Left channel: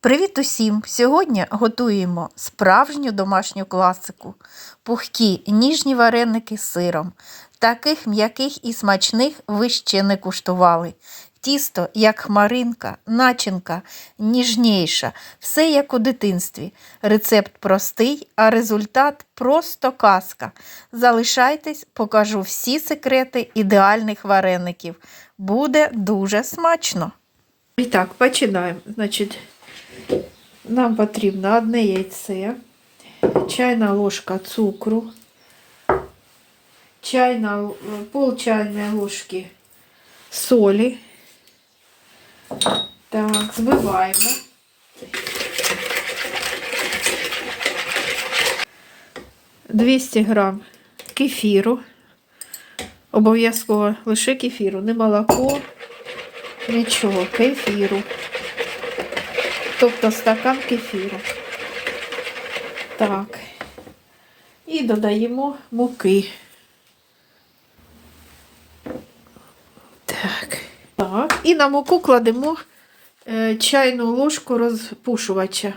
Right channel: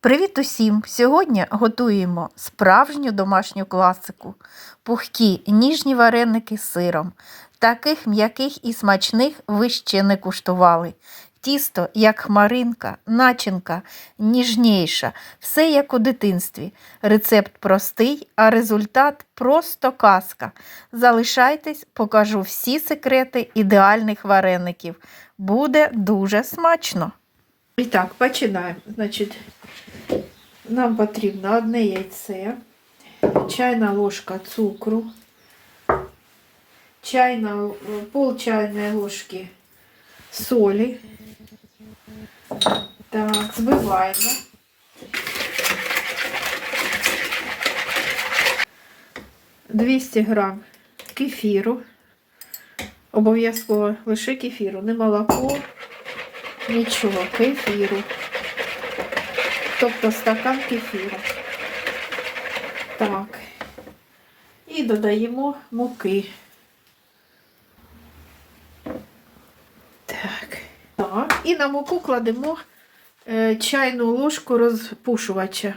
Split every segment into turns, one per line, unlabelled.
Привіт усім! Сьогодні готуємо справжню домашню класику пухкі ніжні вареники з сиром. Таких м'яких і смачних ви ще не куштували. Тісто, як хмаринка, начинка ніжніша, все як у дитинстві. Рецепт простий, а результат просто казка. Залишайтесь, покажу всі секрети ідеальних вареників. Буде дуже смачно. І так, починаємо. Значить, нам потрібно одне яйце, чайна ложка цукру, чайна, пол чайної ложки солі. Так, збиваємо. Двісті грам кефіру. Обов'язково лише кефіру, не молоко, нічого, кефіру. Тобто стакан кефіру. Так. І додаємо муки. Так. Так. І на муку кладемо е, чайну ложку розпушувача.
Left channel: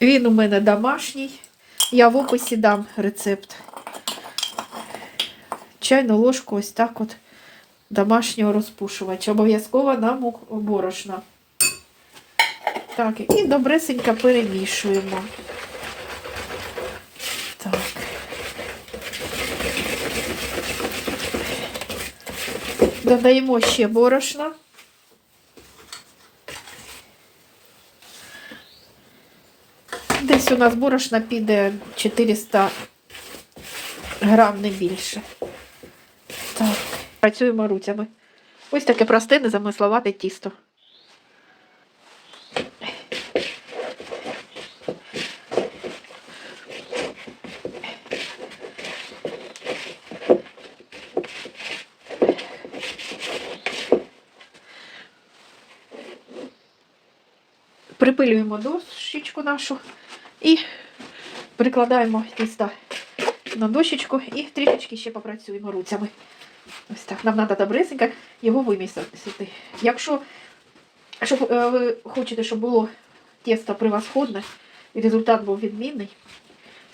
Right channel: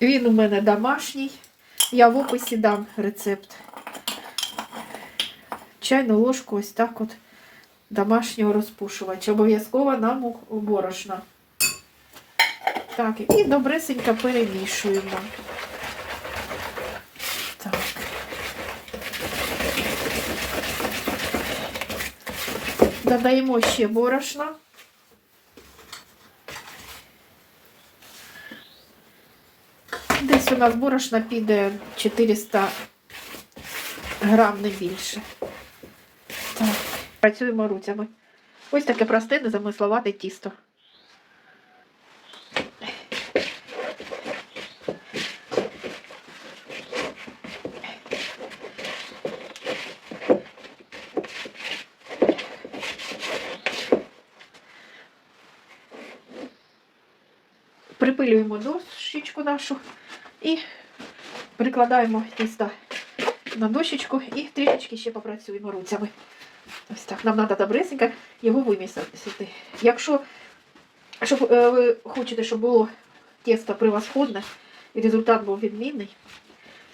Він у мене домашній. Я в описі дам рецепт. Чайну ложку ось так от домашнього розпушувача. Обов'язково на муку борошна. Так, і добресенько перемішуємо. Так. Додаємо ще борошна. Десь у нас борошна піде 400 грам, не більше. Так, працюємо руцями. Ось таке просте, незамисловате тісто. Припилюємо дощечку нашу і прикладаємо тісто на дощечку і трішечки ще попрацюємо руцями. Ось так. Нам треба добресенько його вимісити. Якщо щоб, е, ви хочете, щоб було тісто превосходне і результат був відмінний,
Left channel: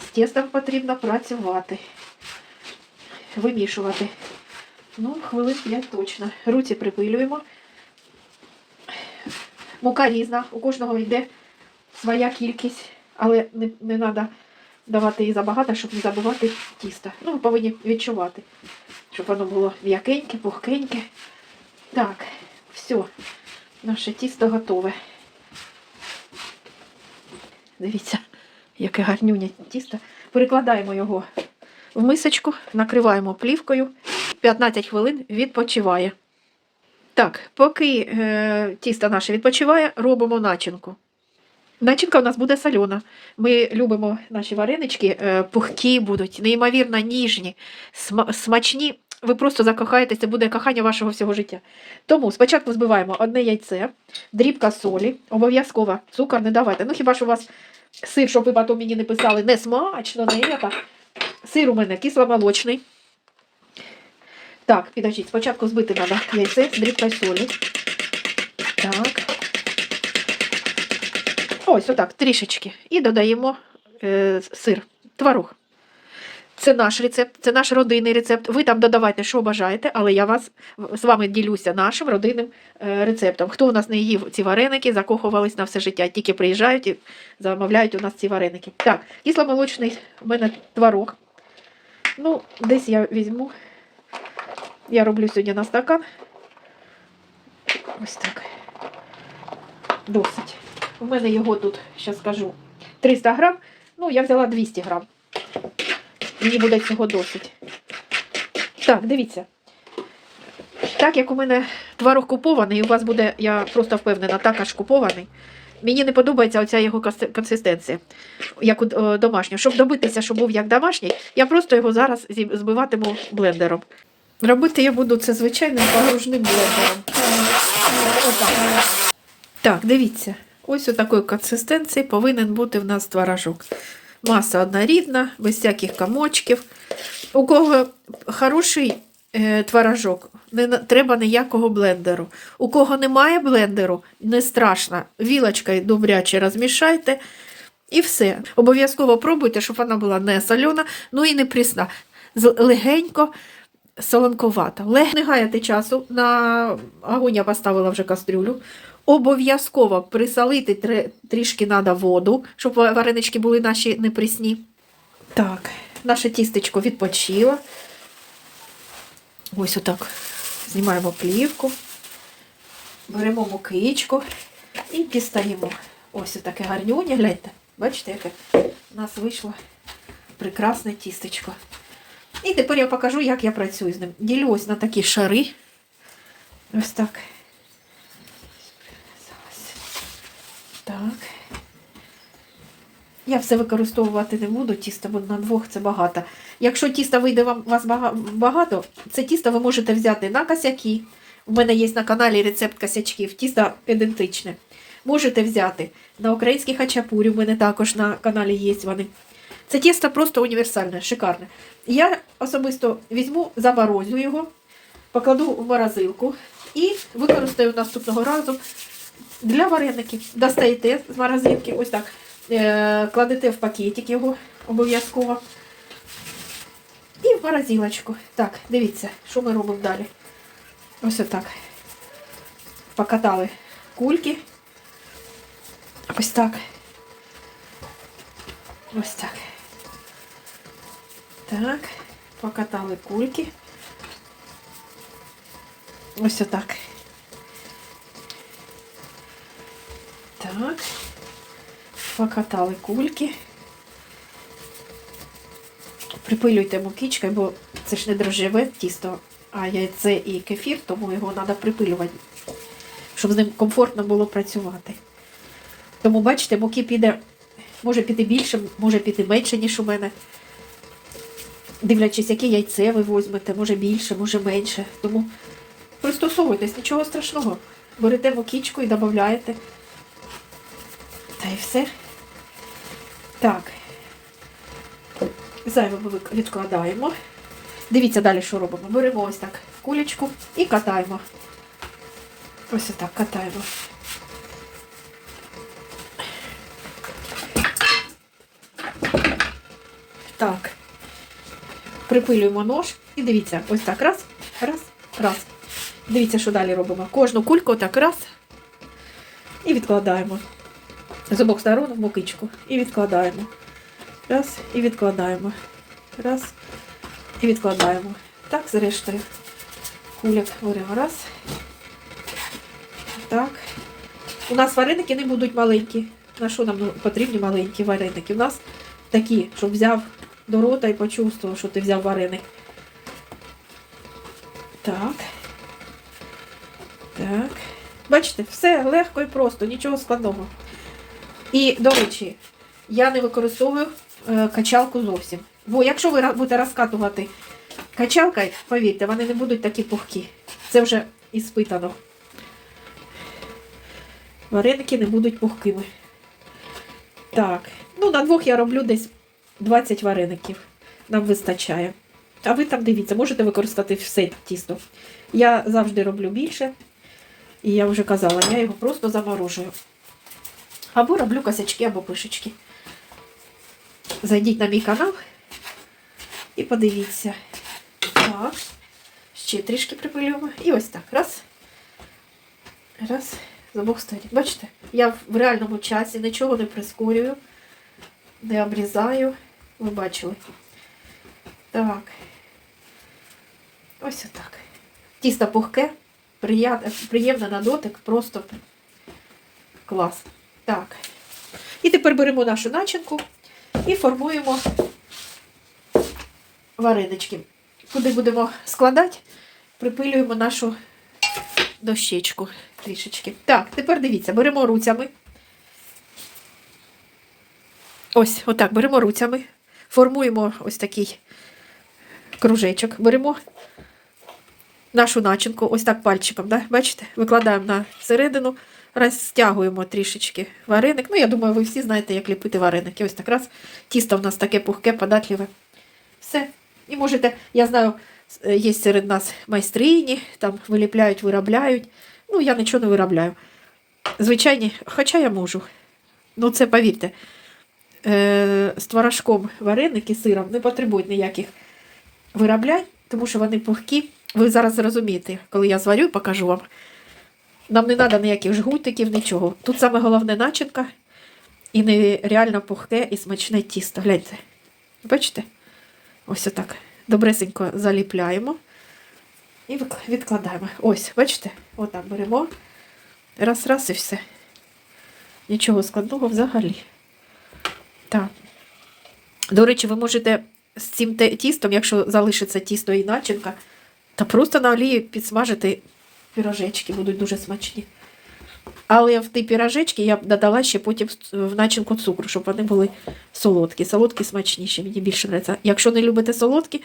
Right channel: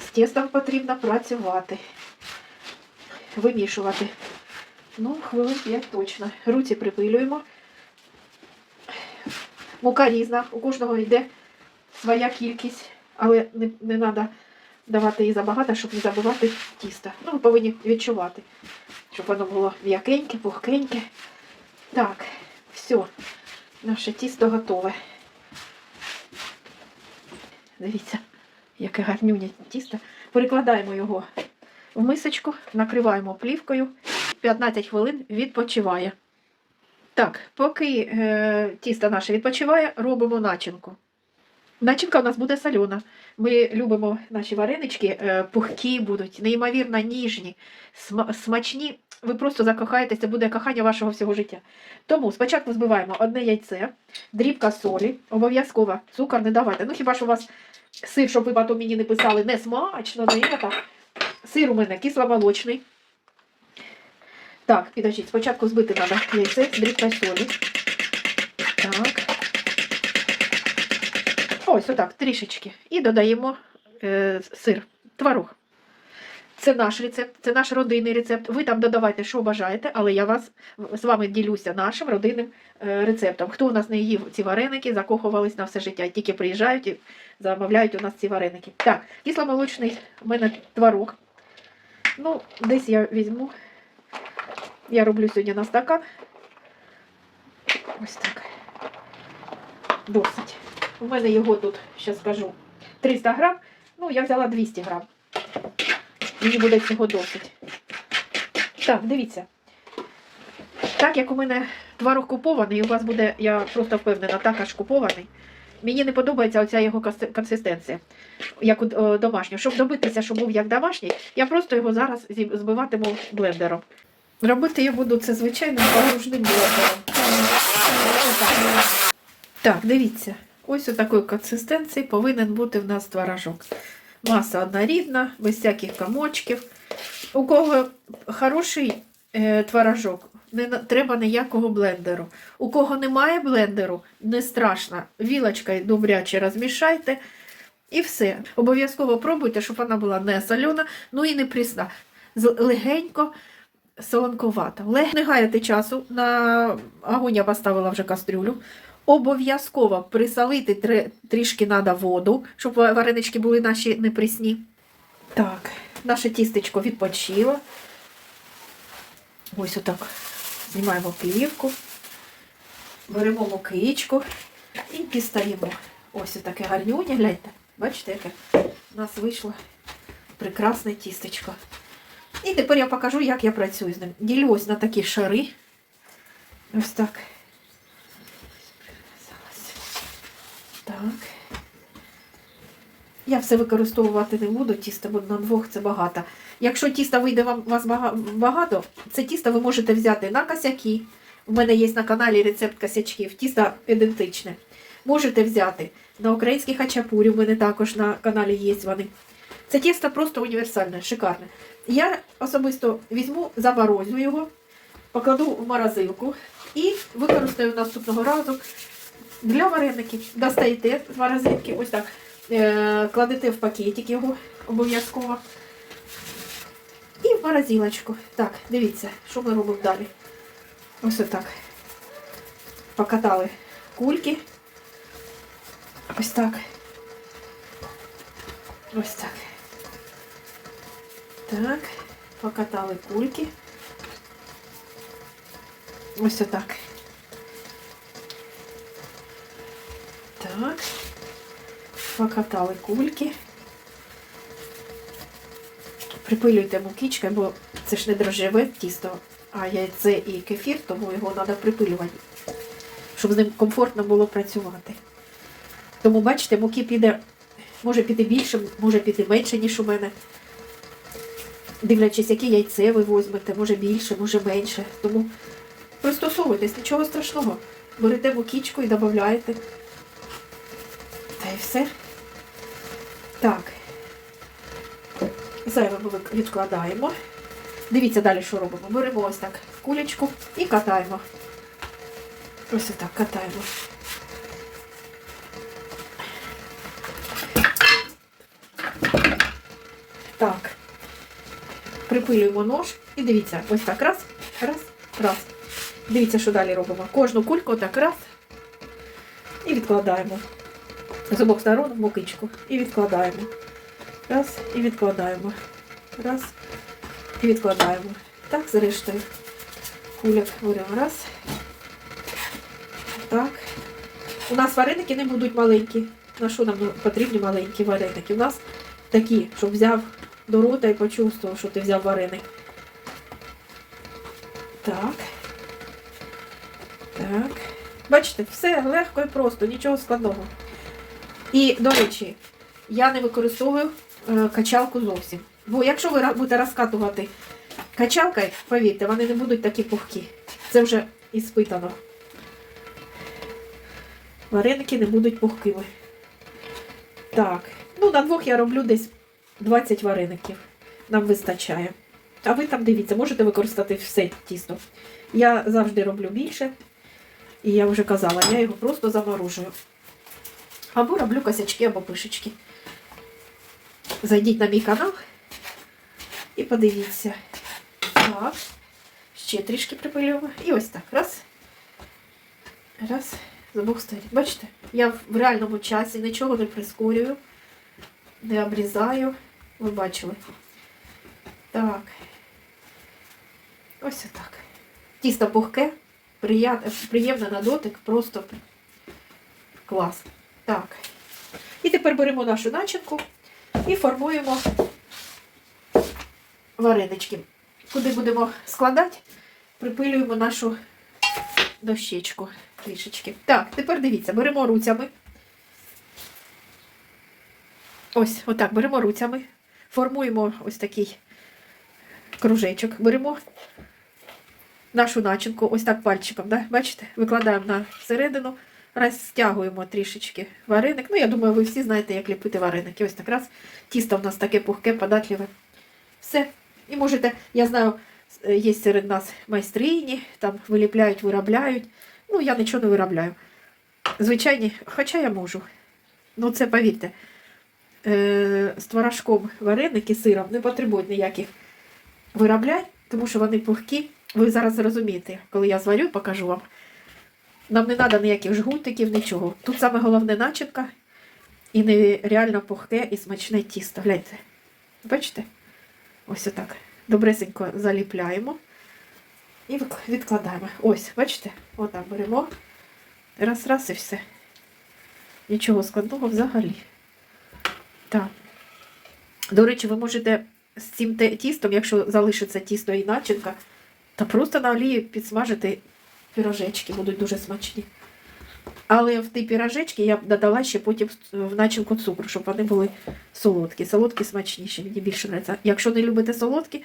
з тістом потрібно працювати, вимішувати. Ну, хвилин 5 точно. Руці припилюємо. Мука різна, у кожного йде своя кількість, але не, не треба давати її забагато, щоб не забивати тісто. Ну, ви повинні відчувати, щоб воно було м'якеньке, пухкеньке. Так, все, наше тісто готове. Дивіться, яке гарнюнє тісто. Перекладаємо його в мисочку, накриваємо плівкою. 15 хвилин відпочиває. Так, поки е, тісто наше відпочиває, робимо начинку. Начинка у нас буде сольона. Ми любимо наші варенички, е, пухкі будуть, неймовірно ніжні, сма- смачні. Ви просто закохаєтеся, це буде кохання вашого всього життя. Тому спочатку збиваємо одне яйце, дрібка солі, обов'язково цукор не давайте. Ну хіба що у вас сир, щоб ви потім мені не писали, не смачно, не это. Сир у мене кисломолочний. Так, підождіть, спочатку збити треба яйце з дрібкою солі. Так. Ось отак, трішечки. І додаємо е, сир, творог. Це наш рецепт, це наш родинний рецепт. Ви там додавайте, що бажаєте, але я вас з вами ділюся нашим родинним е, рецептом. Хто у нас не їв ці вареники, закохувались на все життя, тільки приїжджають і замовляють у нас ці вареники. Так, кисломолочний у мене творог. Ну, десь я візьму. Я роблю сьогодні на стакан. Ось так. Досить. У мене його тут, ще скажу, 300 грам. Ну, я взяла 200 грам. Мені буде цього досить. Так, дивіться. Так як у мене творог купований, у вас буде, я просто впевнена, також купований. Мені не подобається оця його консистенція, як у е, домашнього. Щоб добитися, щоб був як домашній, я просто його зараз збиватиму блендером. Робити я буду це звичайним погружним блендером. Так, дивіться, ось у такої консистенції повинен бути в нас творожок. Маса однорідна, без всяких комочків. У кого хороший е, творожок, не треба ніякого блендеру. У кого немає блендеру, не страшно. Вілочкою добряче розмішайте. І все. Обов'язково пробуйте, щоб вона була не солена, ну і не прісна. Легенько солонковата. Лег... Не гаяти часу. На огонь я поставила вже кастрюлю. Обов'язково присолити тре- трішки треба воду, щоб варенички були наші не прісні. Так, наше тістечко відпочило. Ось отак. Знімаємо плівку, беремо мукичку і дістаємо. Ось таке гарнюня, гляньте. Бачите, яке у нас вийшло прекрасне тістечко. І тепер я покажу, як я працюю з ним. Ділю ось на такі шари. Ось так. Так. Я все використовувати не буду, тісто, бо на двох це багато. Якщо тіста вийде вам вас багато, це тісто ви можете взяти на косяки. У мене є на каналі рецепт косячків, тісто ідентичне. Можете взяти на український хачапурі, у мене також на каналі є вони. Це тісто просто універсальне, шикарне. Я особисто візьму, заморозю його, покладу в морозилку і використаю наступного разу для вареників. Достаєте з морозилки, ось так. Е, кладете в пакетик його обов'язково. І в морозилочку. Так, дивіться, що ми робимо далі. Ось отак. Покатали кульки. Ось так. Ось так. Так, покатали кульки. Ось отак. Так. Покатали кульки. Припилюйте мукичкою, бо це ж не дрожжеве тісто, а яйце і кефір, тому його треба припилювати, щоб з ним комфортно було працювати. Тому, бачите, муки піде, може піти більше, може піти менше, ніж у мене. Дивлячись, яке яйце ви візьмете, може більше, може менше. Тому пристосовуйтесь, нічого страшного. Берете мукічку і додаєте. Та й все. Так. Зайве ми відкладаємо. Дивіться далі, що робимо. Беремо ось так кулечку і катаємо. Ось отак катаємо. Припилюємо нож і дивіться, ось так раз, раз, раз. Дивіться, що далі робимо. Кожну кульку так раз. І відкладаємо. З обох сторон в мукичку. І відкладаємо. Раз, і відкладаємо. Раз. І відкладаємо. Так, зрештою. Кульок беремо раз. Так. У нас вареники не будуть маленькі. На що нам потрібні маленькі вареники? У нас такі, щоб взяв до рота і почувствував, що ти взяв вареник. Так. Так. Бачите, все легко і просто, нічого складного. І, до речі, я не використовую е, качалку зовсім. Бо якщо ви будете розкатувати качалкою, повірте, вони не будуть такі пухкі. Це вже іспитано. Вареники не будуть пухкими. Так, ну на двох я роблю десь 20 вареників. Нам вистачає. А ви там дивіться, можете використати все тісто. Я завжди роблю більше. І я вже казала, я його просто заморожую. Або роблю косячки, або пишечки. Зайдіть на мій канал і подивіться. Так. Ще трішки припилюємо. І ось так. Раз. Раз. З обох сторін. Бачите, я в реальному часі нічого не прискорюю, не обрізаю. Ви бачили. Так. Ось отак. Тісто пухке, приємне на дотик, просто клас. Так. І тепер беремо нашу начинку і формуємо варенички. Куди будемо складати, припилюємо нашу дощечку трішечки. Так, тепер дивіться, беремо руцями. Ось, отак, беремо руцями, формуємо ось такий кружечок. Беремо нашу начинку, ось так пальчиком, да? бачите? Викладаємо на середину, розтягуємо трішечки вареник. Ну, я думаю, ви всі знаєте, як ліпити вареники. Ось так раз. Тісто в нас таке пухке, податливе. Все. І можете, я знаю, е, є серед нас майстрині, там виліпляють, виробляють. Ну, я нічого не виробляю. Звичайні, хоча я можу. Ну, це повірте, з творожком вареники сиром не потребують ніяких вироблянь, тому що вони пухкі. Ви зараз зрозумієте, коли я зварю, покажу вам. Нам не треба ніяких жгутиків, нічого. Тут саме головне начинка і нереально пухке і смачне тісто. Гляньте. Бачите? Ось отак. Добресенько заліпляємо і відкладаємо. Ось, бачите? Отак беремо. Раз, раз і все. Нічого складного взагалі. Так. До речі, ви можете з цим тістом, якщо залишиться тісто і начинка, та просто на олії підсмажити пірожечки, будуть дуже смачні. Але в ті пірожечки я б додала ще потім в начинку цукру, щоб вони були солодкі. Солодкі смачніші, мені більше подобається. Якщо не любите солодкі,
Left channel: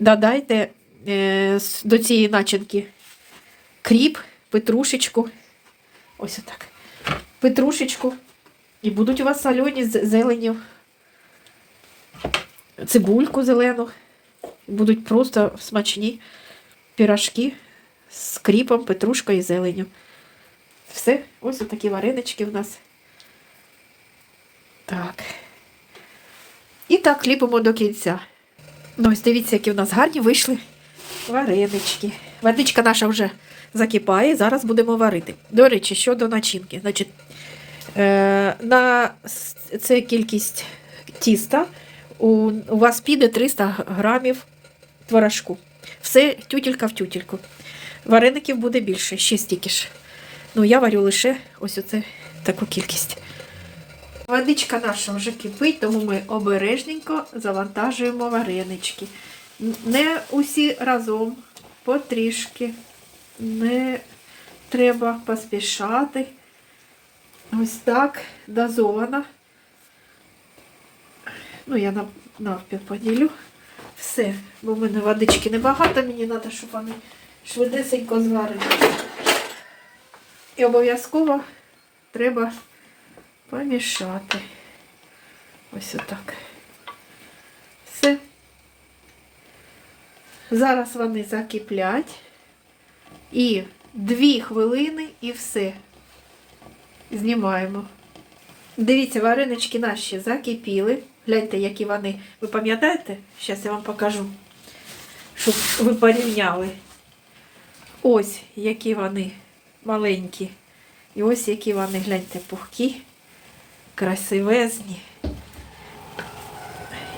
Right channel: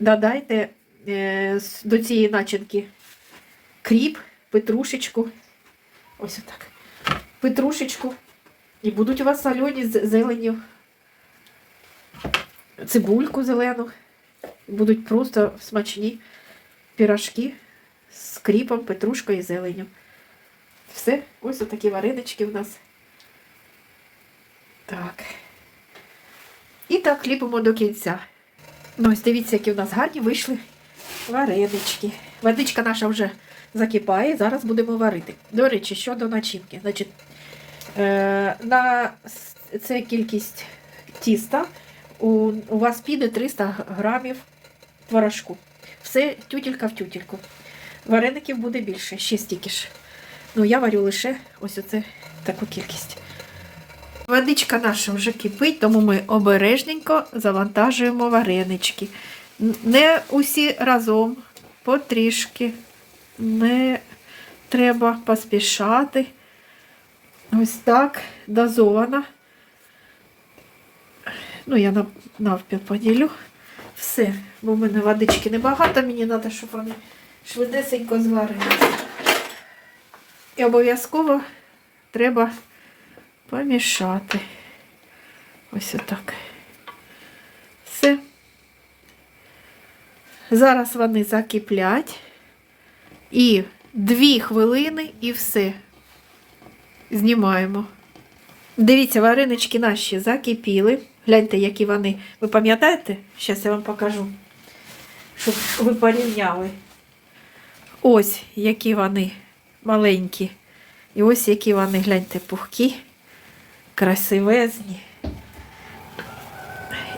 додайте е, до цієї начинки кріп, петрушечку. Ось отак. Петрушечку. І будуть у вас солені з зеленю. Цибульку зелену. Будуть просто смачні пірожки з кріпом, петрушкою і зеленю. Все, ось такі варенички в нас. Так. І так ліпимо до кінця. Ну, ось дивіться, які в нас гарні вийшли варенички. Водичка наша вже закипає, зараз будемо варити. До речі, щодо начинки. Значить, на це кількість тіста. У, вас піде 300 грамів творожку. Все тютелька в тютельку. Вареників буде більше, ще стільки ж. Ну, я варю лише ось оце таку кількість. Водичка наша вже кипить, тому ми обережненько завантажуємо варенички. Не усі разом, потрішки. Не треба поспішати. Ось так дозовано. Ну, я нав- навпіл поділю. Все, бо в мене водички небагато, мені треба, щоб вони швидесенько зварилися. І обов'язково треба помішати. Ось отак. Все. Зараз вони закиплять. І дві хвилини і все. Знімаємо. Дивіться, варенички наші закипіли. Гляньте, які вони. Ви пам'ятаєте? Зараз я вам покажу, щоб ви порівняли. Ось які вони маленькі. І ось які вони, гляньте, пухкі, красивезні.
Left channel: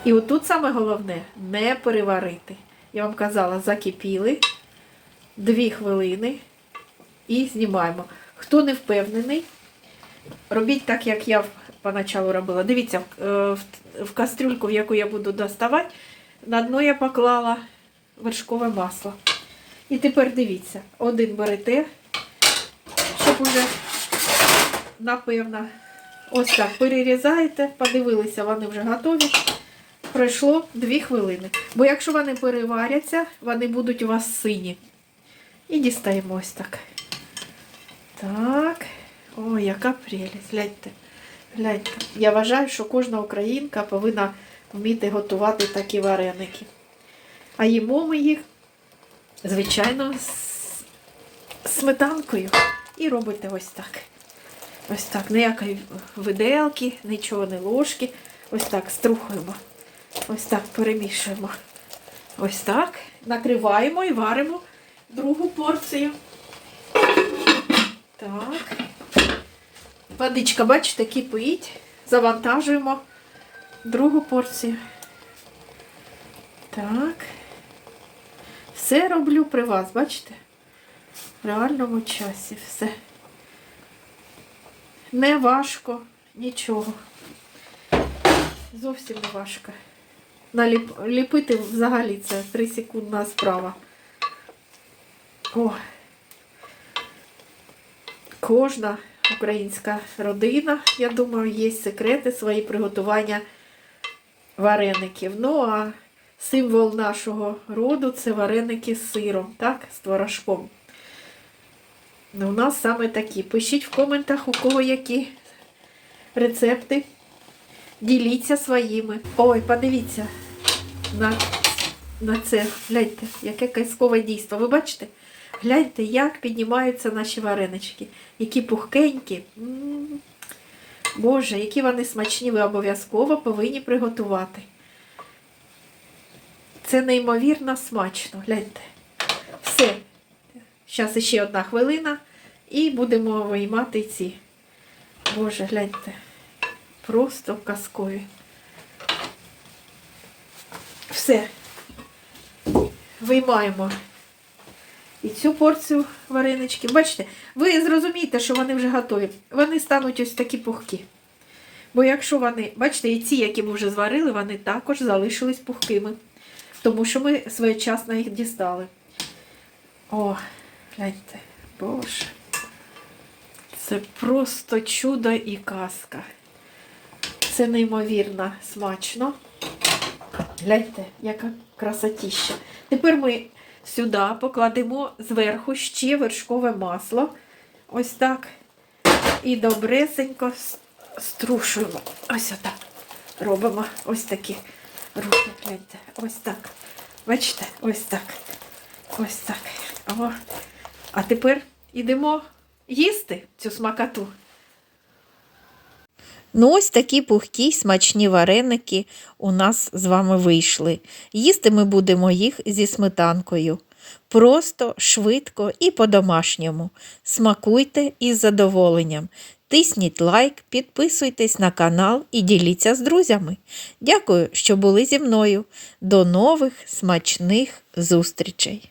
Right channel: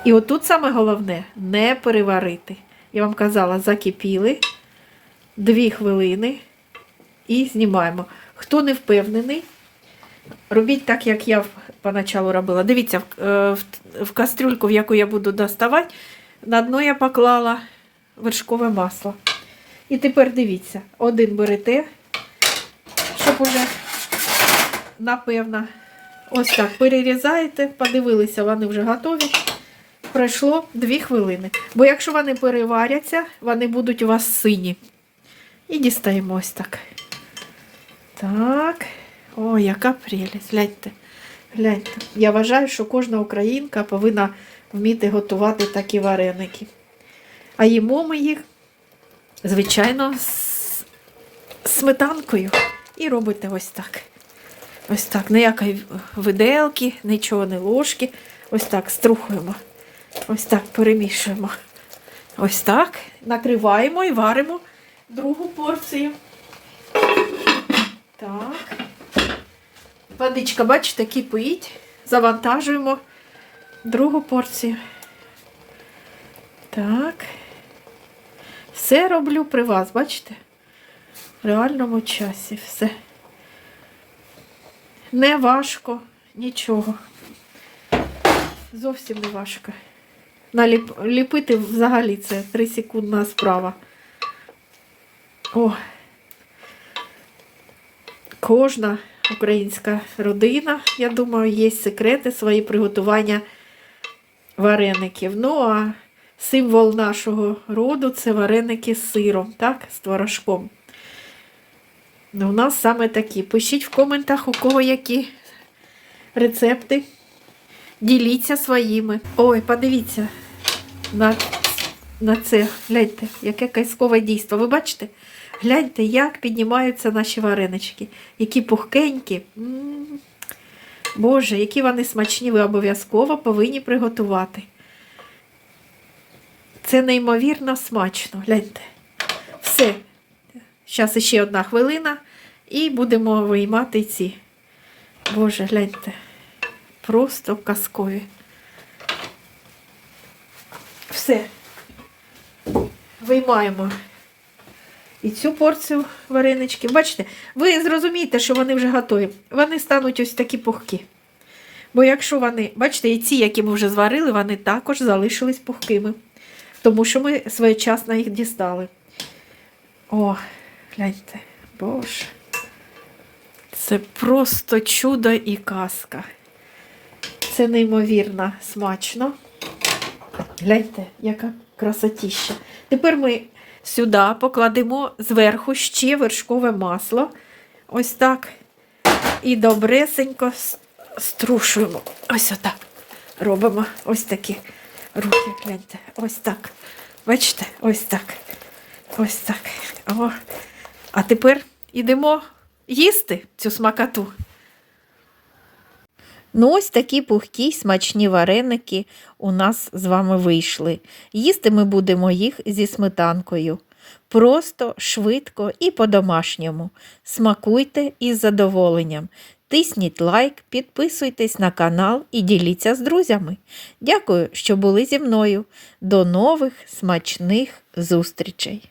І отут саме головне не переварити. Я вам казала, закипіли дві хвилини і знімаємо. Хто не впевнений, робіть так, як я поначалу робила. Дивіться, в, е, в, кастрюльку, в яку я буду доставати, на дно я поклала вершкове масло. І тепер дивіться, один берете, щоб уже, напевно, ось так перерізаєте, подивилися, вони вже готові. Пройшло 2 хвилини. Бо якщо вони переваряться, вони будуть у вас сині. І дістаємо ось так. Так. Ой, яка прелість. Гляньте. Гляньте. Я вважаю, що кожна українка повинна вміти готувати такі вареники. А їмо ми їх, звичайно, з сметанкою. І робите ось так. Ось так. Ніякої виделки, нічого не ложки. Ось так струхуємо. Ось так перемішуємо. Ось так. Накриваємо і варимо другу порцію. Так. Водичка, бачите, кипить. Завантажуємо другу порцію. Так. Все роблю при вас, бачите? В реальному часі все. Не важко, нічого. Зовсім не важко. Наліп... Ліпити взагалі це 3 секундна справа. О. Кожна українська родина, я думаю, є секрети свої приготування вареників. Ну, а символ нашого роду це вареники з сиром, так, з творожком. Ну, у нас саме такі. Пишіть в коментах, у кого які рецепти. Діліться своїми. Ой, подивіться на на це. Гляньте, яке казкове дійство. Ви бачите? Гляньте, як піднімаються наші варенички. Які пухкенькі. Боже, які вони смачні, ви обов'язково повинні приготувати. Це неймовірно смачно. Гляньте. Все. Зараз ще одна хвилина і будемо виймати ці. Боже, гляньте. Просто казкові. Все. Виймаємо і цю порцію варенички. Бачите, ви зрозумієте, що вони вже готові. Вони стануть ось такі пухкі. Бо якщо вони, бачите, і ці, які ми вже зварили, вони також залишились пухкими. Тому що ми своєчасно їх дістали. О, гляньте, боже. Це просто чудо і казка. Це неймовірно смачно. Гляньте, яка красотіща. Тепер ми сюди покладемо зверху ще вершкове масло. Ось так. І добресенько струшуємо. Ось отак. Робимо ось такі руки. Гляньте. Ось так. Бачите? Ось так. Ось так. О. А тепер ідемо їсти цю смакату.
Ну, ось такі пухкі смачні вареники у нас з вами вийшли. Їсти ми будемо їх зі сметанкою. Просто, швидко і по-домашньому. Смакуйте із задоволенням. Тисніть лайк, підписуйтесь на канал і діліться з друзями. Дякую, що були зі мною. До нових смачних зустрічей!